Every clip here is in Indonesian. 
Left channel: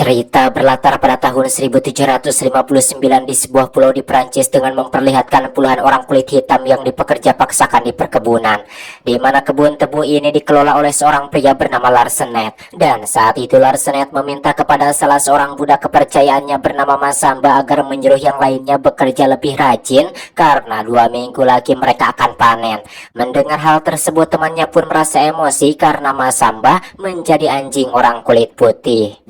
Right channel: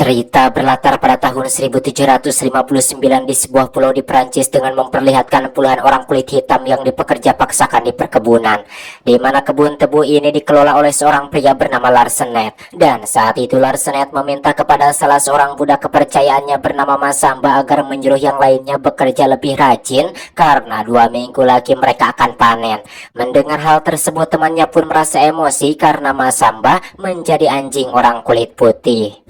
Cerita berlatar pada tahun 1759 di sebuah pulau di Prancis dengan memperlihatkan puluhan orang kulit hitam yang dipekerja paksakan di perkebunan, di mana kebun tebu ini dikelola oleh seorang pria bernama Larsenet. Dan saat itu Larsenet meminta kepada salah seorang budak kepercayaannya bernama Masamba agar menyuruh yang lainnya bekerja lebih rajin karena 2 minggu lagi mereka akan panen. Mendengar hal tersebut temannya pun merasa emosi karena Masamba menjadi anjing orang kulit putih.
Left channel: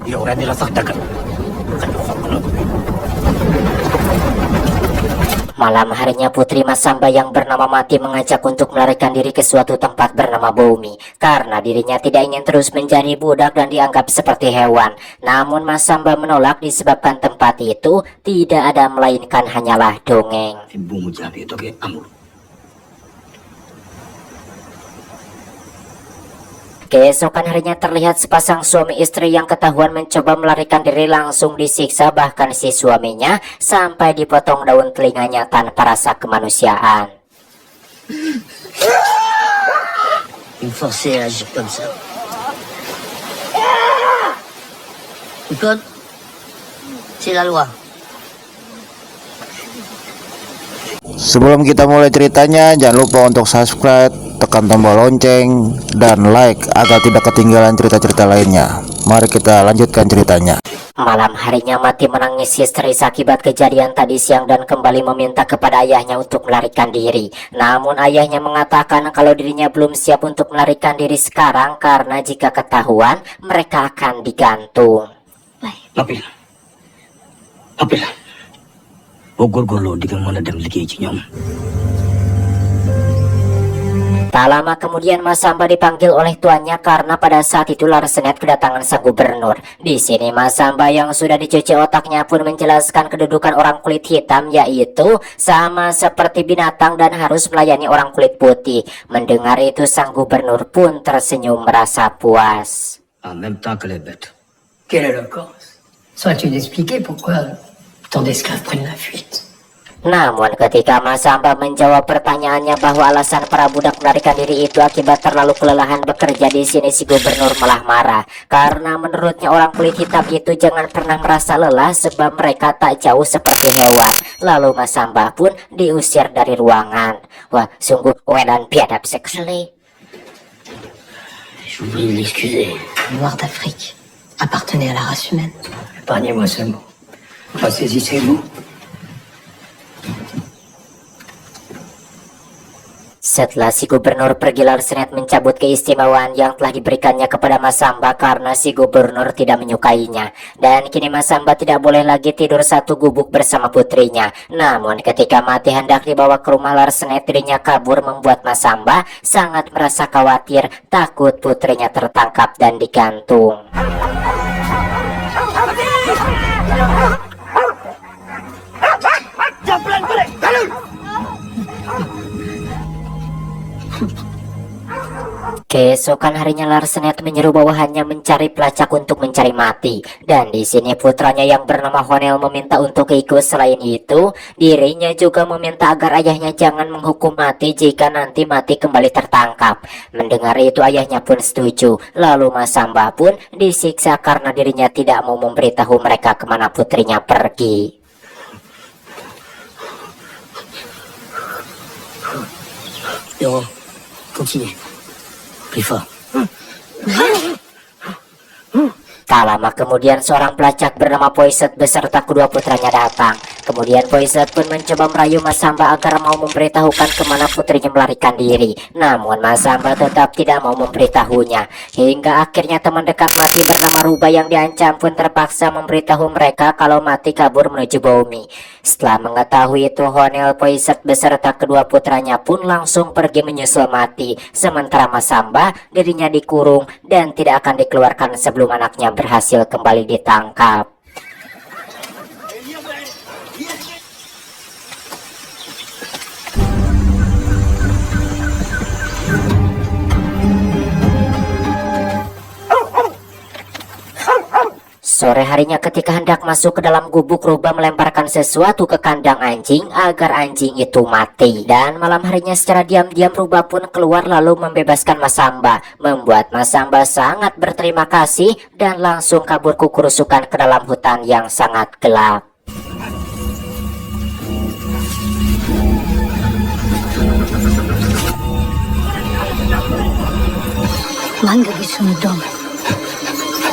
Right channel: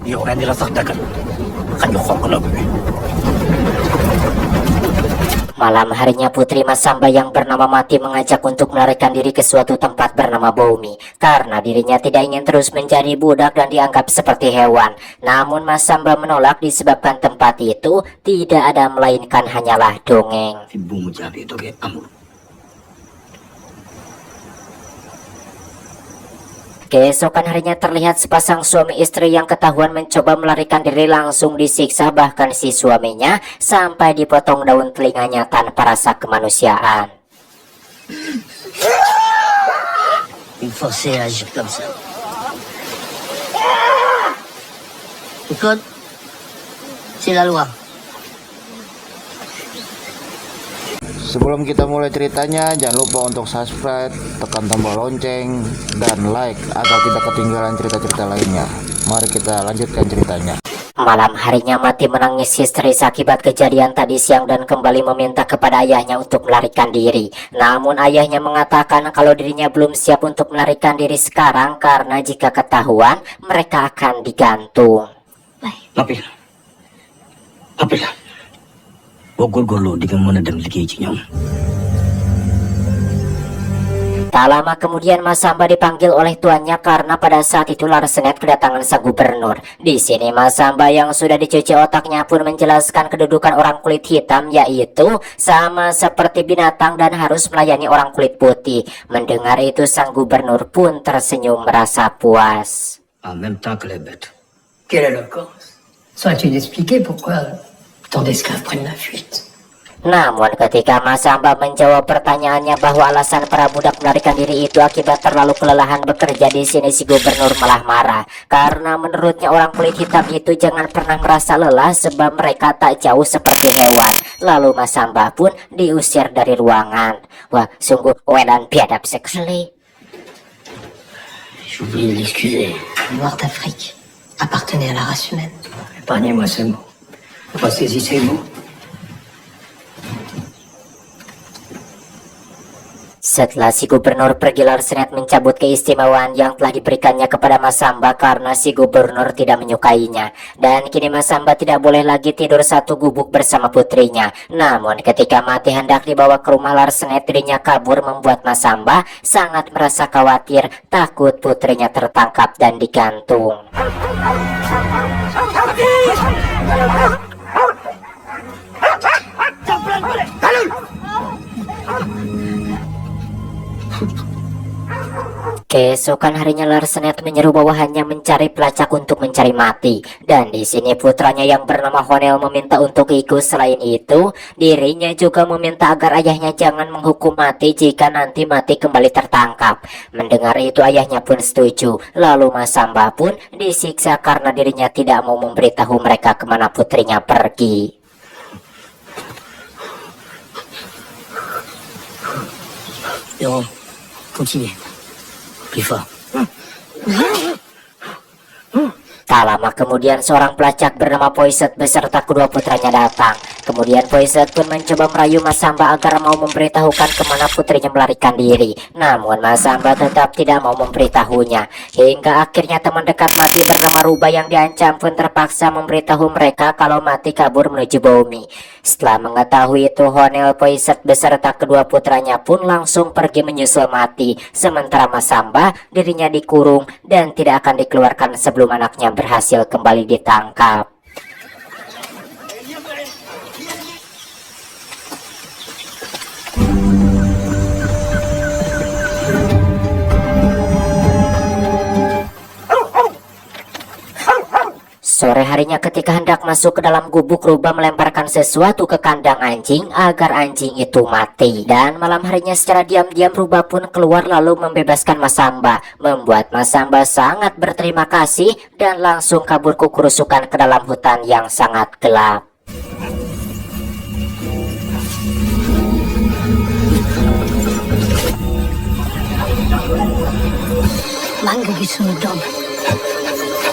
Malam harinya putri Masamba yang bernama Mati mengajak untuk melarikan diri ke suatu tempat bernama Boumi karena dirinya tidak ingin terus menjadi budak dan dianggap seperti hewan. Namun Masamba menolak disebabkan tempat itu tidak ada melainkan hanyalah dongeng. Keesokan harinya terlihat sepasang suami istri yang ketahuan mencoba melarikan diri langsung disiksa, bahkan si suaminya sampai dipotong daun telinganya tanpa rasa kemanusiaan. Sebelum kita mulai ceritanya, jangan lupa untuk subscribe, tekan tombol lonceng, dan like agar tidak ketinggalan cerita-cerita lainnya. Mari kita lanjutkan ceritanya. Malam harinya Mati menangis histeris akibat kejadian tadi siang dan kembali meminta kepada ayahnya untuk melarikan diri. Namun ayahnya mengatakan kalau dirinya belum siap untuk melarikan diri sekarang karena jika ketahuan mereka akan digantung. Tak lama kemudian Masamba dipanggil oleh tuannya karena pada saat itu Larsenet kedatangan sang gubernur. Di sini Masamba yang sudah dicuci otaknya pun menjelaskan kedudukan orang kulit hitam, yaitu sama seperti binatang dan harus melayani orang kulit putih. Mendengar itu sang gubernur pun tersenyum merasa puas. En même temps que les bêtes. Quelle éloquence! Saurais-tu t'expliquer pourquoi tant d'esclaves prennent la fuite? Namun ketika Masamba menjawab pertanyaannya bahwa alasan para budak melarikan diri itu akibat terlalu kelelahan bekerja, di sini si gubernur malah marah karena menurutnya orang kulit hitam itu jangan pernah merasa lelah sebab mereka tak jauh seperti hewan. Lalu Masamba pun diusir dari ruangan. Wah, sungguh wedan biadab sekali. Je vous prie de m'excuser. Les Noirs d'Afrique appartenaient à la race humaine. Épargnez-moi ces mots. Pas saisi ces mots. Setelah si gubernur pergi, Larsenet mencabut keistimewaan yang telah diberikannya kepada Masamba karena si gubernur tidak menyukainya. Dan kini Masamba tidak boleh lagi tidur satu gubuk bersama putrinya. Namun ketika Mati hendak dibawa ke rumah Larsenet, dirinya kabur membuat Masamba sangat merasa khawatir, takut putrinya tertangkap dan digantung. Keesokan harinya Larsenet menyeru bawahannya mencari pelacak untuk mencari Mati. Dan di sini putranya yang bernama Honel meminta untuk ikut. Selain itu, dirinya juga meminta agar ayahnya jangan menghukum Mati jika nanti Mati kembali tertangkap. Mendengar itu ayahnya pun setuju. Lalu Masamba pun disiksa karena dirinya tidak mau memberitahu mereka kemana putrinya pergi. Yo, continue. Plus fort. Tak lama kemudian seorang pelacak bernama Poiset beserta kedua putranya datang. Kemudian Poiset pun mencoba merayu Masamba agar mau memberitahukan kemana putrinya melarikan diri. Namun Masamba tetap tidak mau memberitahunya. Hingga akhirnya teman dekat Mati bernama Ruba yang diancam pun terpaksa memberitahu mereka kalau Mati kabur menuju Boumi. Setelah mengetahui itu, Honel, Poiset beserta kedua putranya pun langsung pergi menyusul Mati. Sementara Masamba dirinya dikurung dan tidak akan dikeluarkan sebelum anaknya berhasil kembali ditangkap. Sore harinya ketika hendak masuk ke dalam gubuk, rubah melemparkan sesuatu ke kandang anjing agar anjing itu mati. Dan malam harinya secara diam-diam rubah pun keluar lalu membebaskan Masamba, membuat Masamba sangat berterima kasih dan langsung kabur kukurusukan ke dalam hutan yang sangat gelap.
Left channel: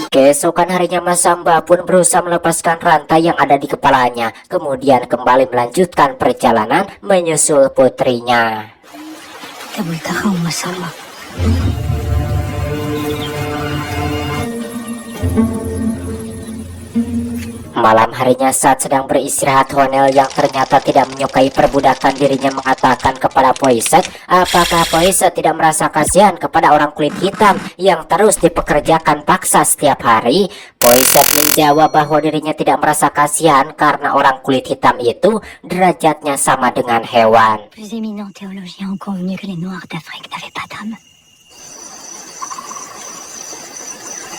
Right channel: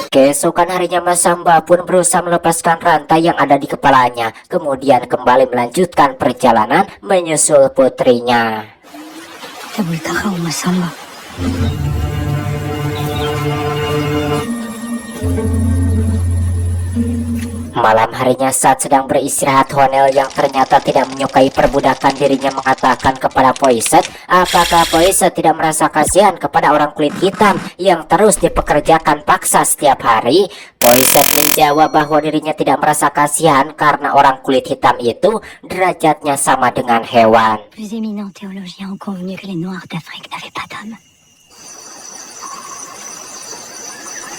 Keesokan harinya Masamba pun berusaha melepaskan rantai yang ada di kepalanya, kemudian kembali melanjutkan perjalanan menyusul putrinya. Malam harinya saat sedang beristirahat, Honel yang ternyata tidak menyukai perbudakan dirinya mengatakan kepada Poiset, apakah Poiset tidak merasa kasihan kepada orang kulit hitam yang terus dipekerjakan paksa setiap hari? Poiset menjawab bahwa dirinya tidak merasa kasihan karena orang kulit hitam itu derajatnya sama dengan hewan. Plus éminents théologiens ont convenu que les Noirs d'Afrique n'avaient pas d'âme.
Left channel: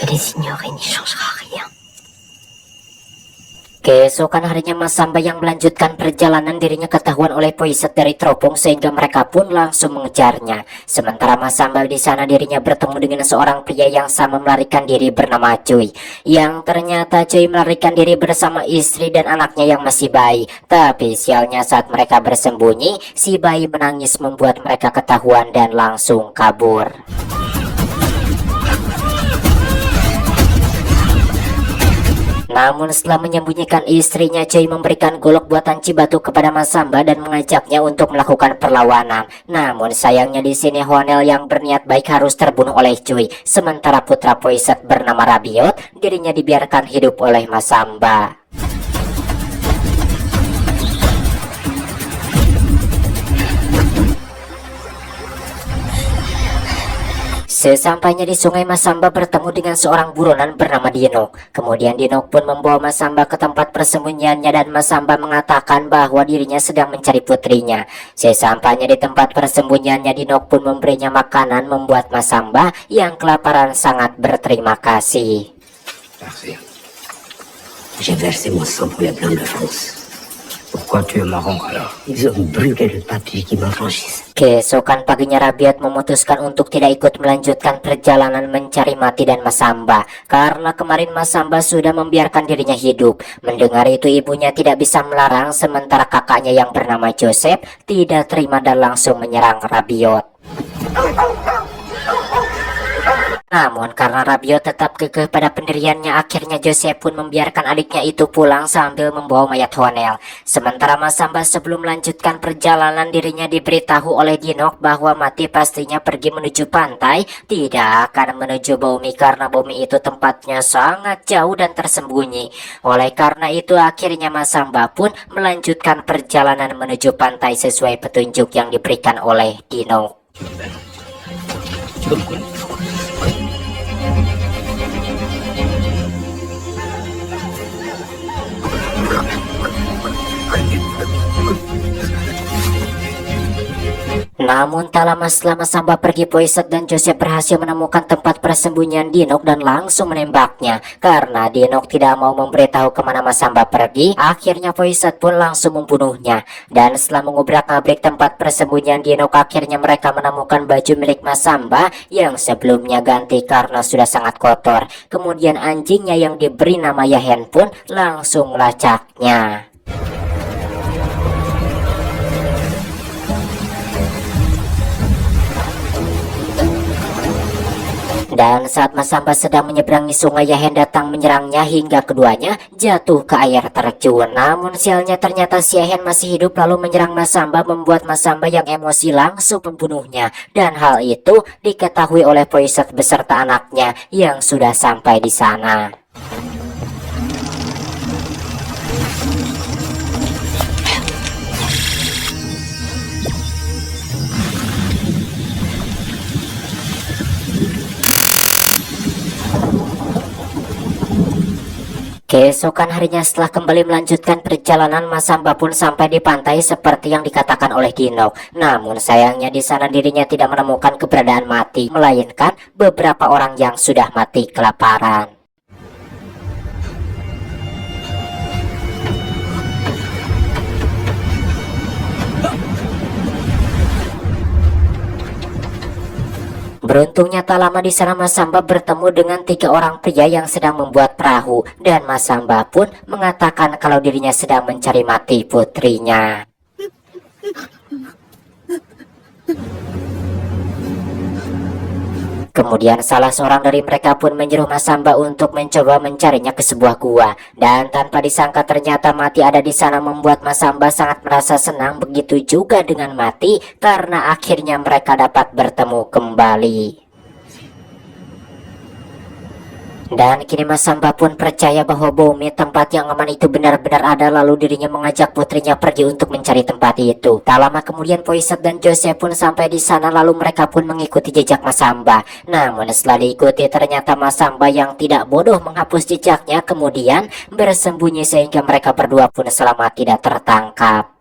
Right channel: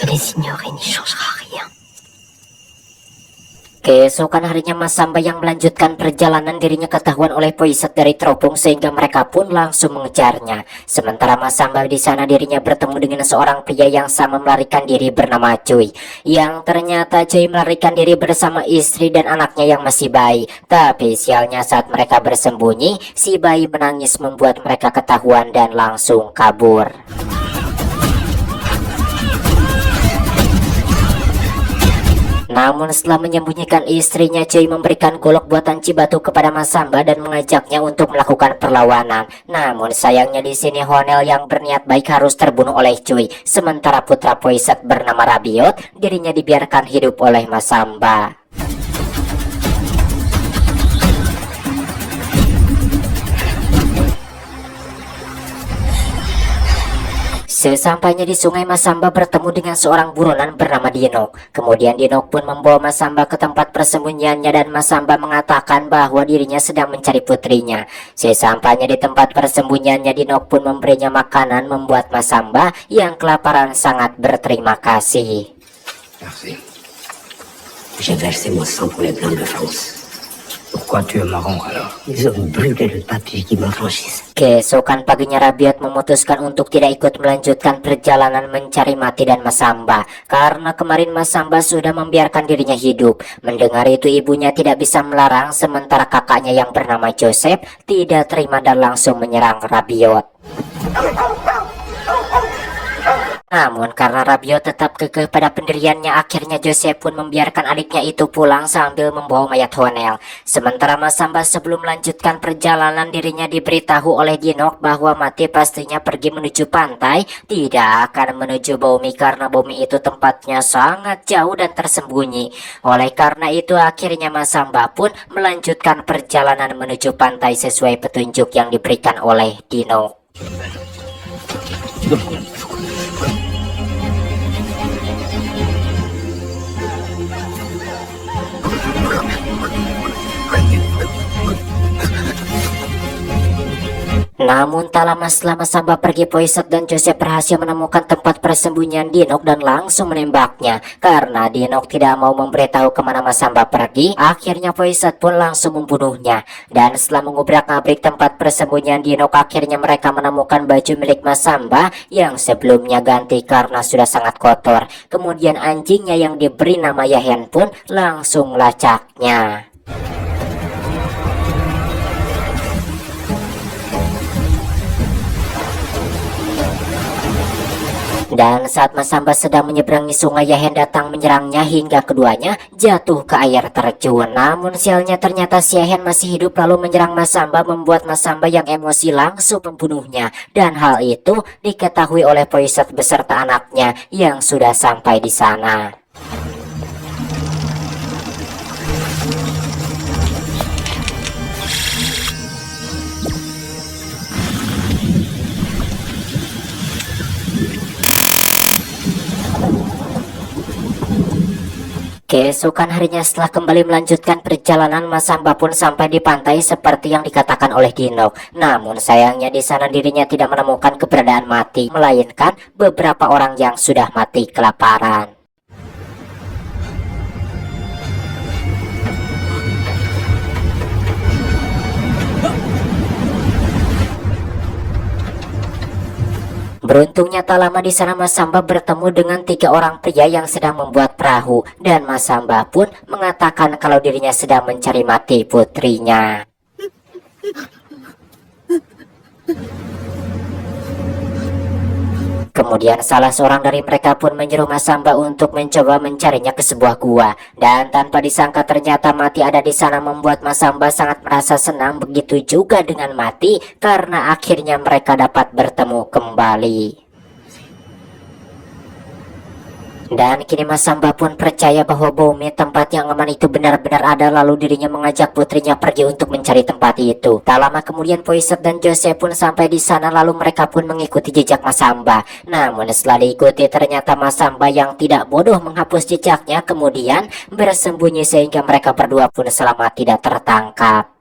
Et les ignorer n'y changera rien. Keesokan harinya Masamba yang melanjutkan perjalanan dirinya ketahuan oleh Poiset dari teropong sehingga mereka pun langsung mengejarnya. Sementara Masamba di sana dirinya bertemu dengan seorang pria yang sama melarikan diri bernama Cuy. Yang ternyata Cuy melarikan diri bersama istri dan anaknya yang masih bayi. Tapi sialnya saat mereka bersembunyi, si bayi menangis membuat mereka ketahuan dan langsung kabur. Namun setelah menyembunyikan istrinya, Cuy memberikan golok buatan Cibatu kepada Masamba dan mengajaknya untuk melakukan perlawanan. Namun sayangnya di sini Honel yang berniat baik harus terbunuh oleh Cuy, sementara putra Poiset bernama Rabiot dirinya dibiarkan hidup oleh Masamba. Sesampainya di sungai, Masamba bertemu dengan seorang buronan bernama Dinok. Kemudian Dinok pun membawa Masamba ke tempat persembunyiannya dan Masamba mengatakan bahwa dirinya sedang mencari putrinya. Sesampainya di tempat persembunyiannya, Dinok pun memberinya makanan membuat Masamba yang kelaparan sangat berterima kasih. Merci. J'ai versé mon sang pour les Blancs de France. Pourquoi tu es marron alors? Ils ont brûlé le papier qui m'affranchissent. Keesokan paginya Rabiot memutuskan untuk tidak ikut melanjutkan perjalanan mencari Mati dan Masamba, karena kemarin Masamba sudah membiarkan dirinya hidup. Mendengar itu ibunya tidak bisa melarang, sementara kakaknya yang bernama Joseph tidak terima dan langsung menyerang Rabiot. Namun karena Rabiot tetap kekeh pada pendiriannya, akhirnya Joseph pun membiarkan adiknya itu pulang sambil membawa mayat Honel. Sementara Masamba sebelum melanjutkan perjalanan dirinya diberitahu oleh Dinok bahwa Mati pastinya pergi menuju pantai, tidak akan menuju bumi karena bumi itu tempatnya sangat jauh dan tersembunyi. Oleh karena itu akhirnya Masamba pun melanjutkan perjalanan menuju pantai sesuai petunjuk yang diberikan oleh Dinok. Namun tak lama setelah Masamba pergi, Poiset dan Joseph berhasil menemukan tempat persembunyian Dinok dan langsung menembaknya. Karena Dinok tidak mau memberitahu kemana Masamba pergi, akhirnya Poiset pun langsung membunuhnya. Dan setelah mengubrak-abrik tempat persembunyian Dinok, akhirnya mereka menemukan baju milik Masamba yang sebelumnya ganti karena sudah sangat kotor. Kemudian anjingnya yang diberi nama Yahen pun langsung melacaknya. Dan saat Masamba sedang menyeberangi sungai, Yahen datang menyerangnya hingga keduanya jatuh ke air terjun. Namun sialnya ternyata si Yahen masih hidup lalu menyerang Masamba, membuat Masamba yang emosi langsung membunuhnya. Dan hal itu diketahui oleh Poiset beserta anaknya yang sudah sampai di sana. Keesokan harinya setelah kembali melanjutkan perjalanan, Masamba pun sampai di pantai seperti yang dikatakan oleh Dinok. Namun sayangnya di sana dirinya tidak menemukan keberadaan Mati, melainkan beberapa orang yang sudah mati kelaparan. Beruntungnya tak lama di sana Masamba bertemu dengan 3 orang pria yang sedang membuat perahu, dan Masamba pun mengatakan kalau dirinya sedang mencari mati putrinya. Kemudian salah seorang dari mereka pun menyuruh Masamba untuk mencoba mencarinya ke sebuah gua, dan tanpa disangka ternyata Mati ada di sana membuat Masamba sangat merasa senang. Begitu juga dengan Mati karena akhirnya mereka dapat bertemu kembali. Dan kini Masamba pun percaya bahwa bumi tempat yang aman itu benar-benar ada, lalu dirinya mengajak putrinya pergi untuk mencari tempat itu. Tak lama kemudian Poisat dan Joseph pun sampai di sana, lalu mereka pun mengikuti jejak Masamba. Namun setelah diikuti ternyata Masamba yang tidak bodoh menghapus jejaknya kemudian bersembunyi sehingga mereka berdua pun selamat tidak tertangkap.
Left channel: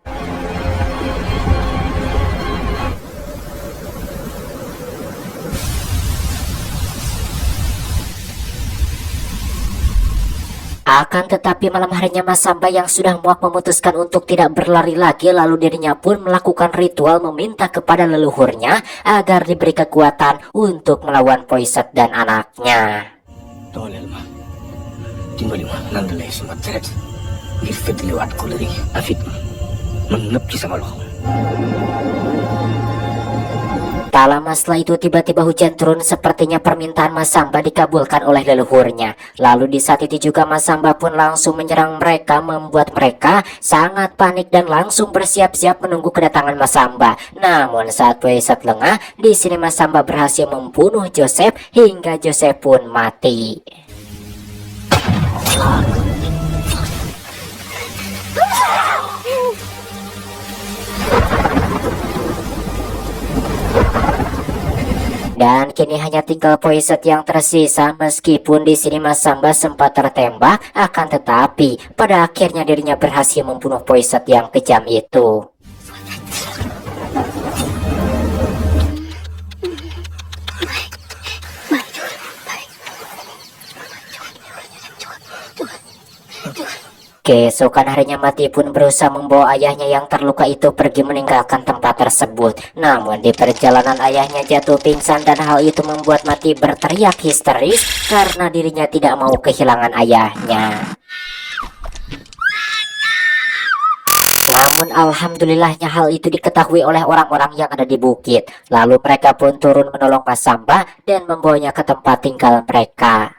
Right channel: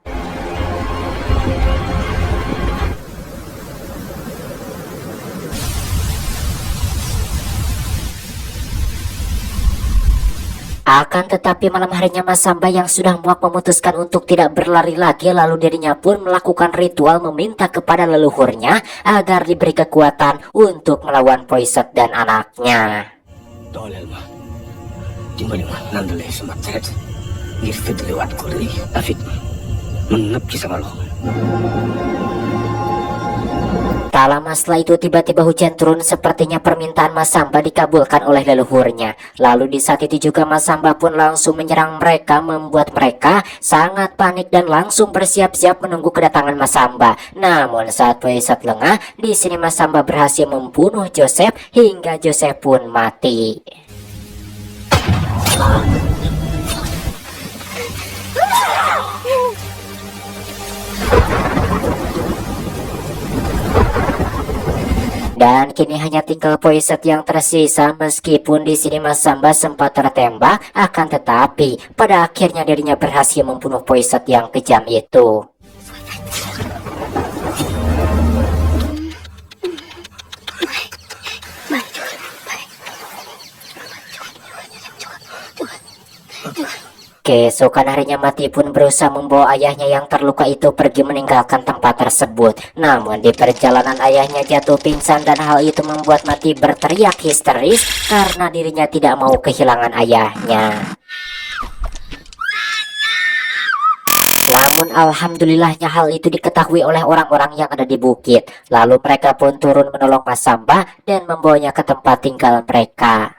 Akan tetapi malam harinya Masamba yang sudah muak memutuskan untuk tidak berlari lagi, lalu dirinya pun melakukan ritual meminta kepada leluhurnya agar diberi kekuatan untuk melawan Poisat dan anaknya. dooleel ma dimbali ma nandalay sama deret ngir fëddaliwaat ko lëri afit ma man nëpp ci sama loxo. Tak lama setelah itu tiba-tiba hujan turun, sepertinya permintaan Masamba dikabulkan oleh leluhurnya. Lalu di saat itu juga Masamba pun langsung menyerang mereka, membuat mereka sangat panik dan langsung bersiap-siap menunggu kedatangan Masamba. Namun saat Poisat lengah, di sini Masamba berhasil membunuh Joseph hingga Joseph pun mati. Dan kini hanya tinggal Poisat yang tersisa. Meskipun di sini Masamba sempat tertembak, akan tetapi pada akhirnya dirinya berhasil membunuh Poisat yang kejam itu. Keesokan harinya Mati pun berusaha membawa ayahnya yang terluka itu pergi meninggalkan tempat tersebut. Namun di perjalanan ayahnya jatuh pingsan dan hal itu membuat Mati berteriak histeris karena dirinya tidak mau kehilangan ayahnya. Namun alhamdulillahnya hal itu diketahui oleh orang-orang yang ada di bukit. Lalu mereka pun turun menolong Masamba dan membawanya ke tempat tinggal mereka.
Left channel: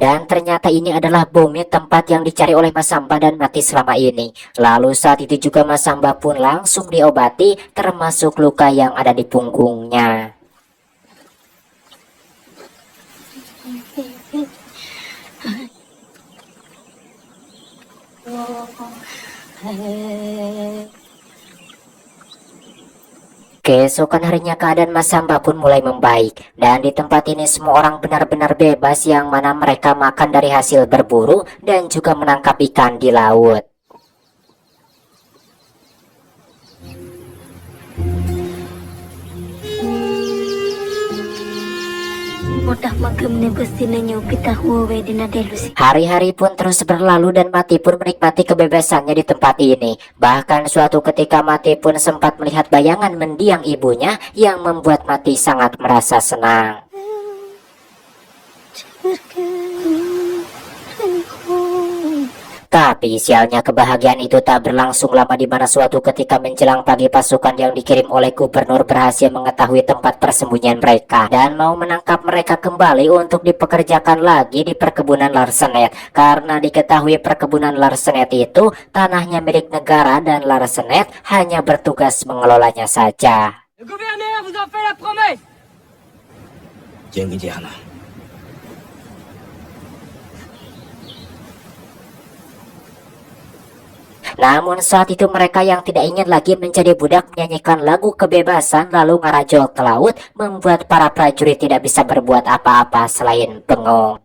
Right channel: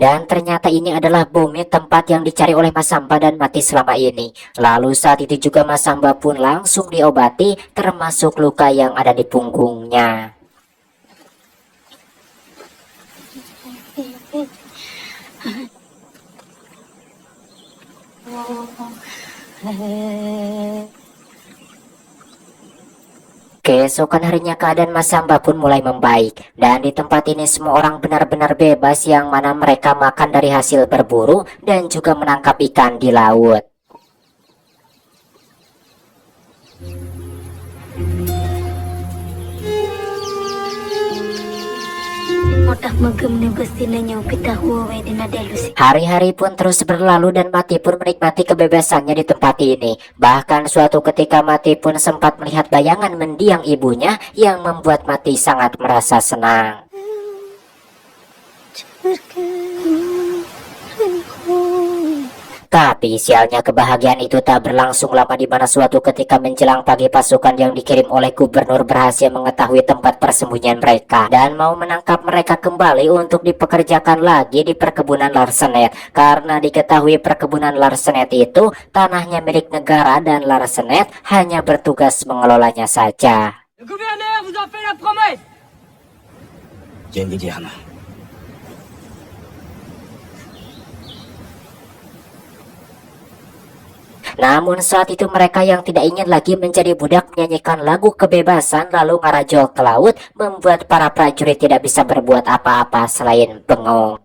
Dan ternyata ini adalah bumi tempat yang dicari oleh Masamba dan Mati selama ini. Lalu saat itu juga Masamba pun langsung diobati, termasuk luka yang ada di punggungnya. Keesokan harinya keadaan Masamba pun mulai membaik, dan di tempat ini semua orang benar-benar bebas, yang mana mereka makan dari hasil berburu dan juga menangkap ikan di laut. Hari-hari pun terus berlalu dan Mati pun menikmati kebebasannya di tempat ini. Bahkan suatu ketika Mati pun sempat melihat bayangan mendiang ibunya yang membuat Mati sangat merasa senang. Tapi sialnya kebahagiaan itu tak berlangsung lama, di mana suatu ketika menjelang pagi pasukan yang dikirim oleh gubernur berhasil mengetahui tempat persembunyian mereka dan mau menangkap mereka kembali untuk dipekerjakan lagi di perkebunan Larsenet, karena diketahui perkebunan Larsenet itu tanahnya milik negara dan Larsenet hanya bertugas mengelolanya saja. Le gouverneur vous en fait la promesse. Jangan jeex na. Namun saat itu mereka yang tidak ingin lagi menjadi budak menyanyikan lagu kebebasan lalu ngarajol ke laut, membuat para prajurit tidak bisa berbuat apa-apa selain bengong.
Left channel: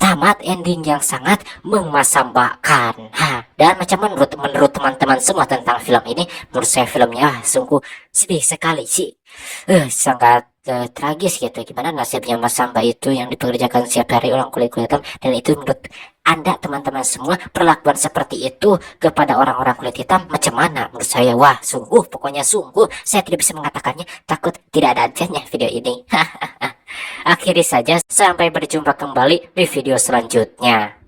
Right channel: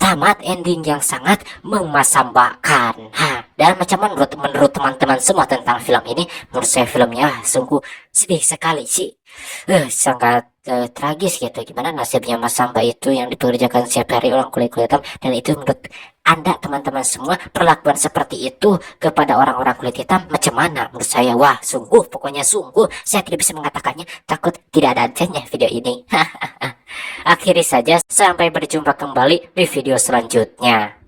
Tamat ending yang sangat memasambakan. Dan macam menurut teman-teman semua tentang film ini, menurut saya filmnya sungguh sedih sekali sih. Sangat tragis gitu. Gimana nasibnya Mas Samba itu yang dipekerjakan setiap hari orang kulit hitam, dan itu menurut Anda teman-teman semua perlakuan seperti itu kepada orang-orang kulit hitam macam mana? Menurut saya wah sungguh, pokoknya sungguh saya tidak bisa mengatakannya, takut tidak ada adanya video ini. Akhiri saja, sampai berjumpa kembali di video selanjutnya.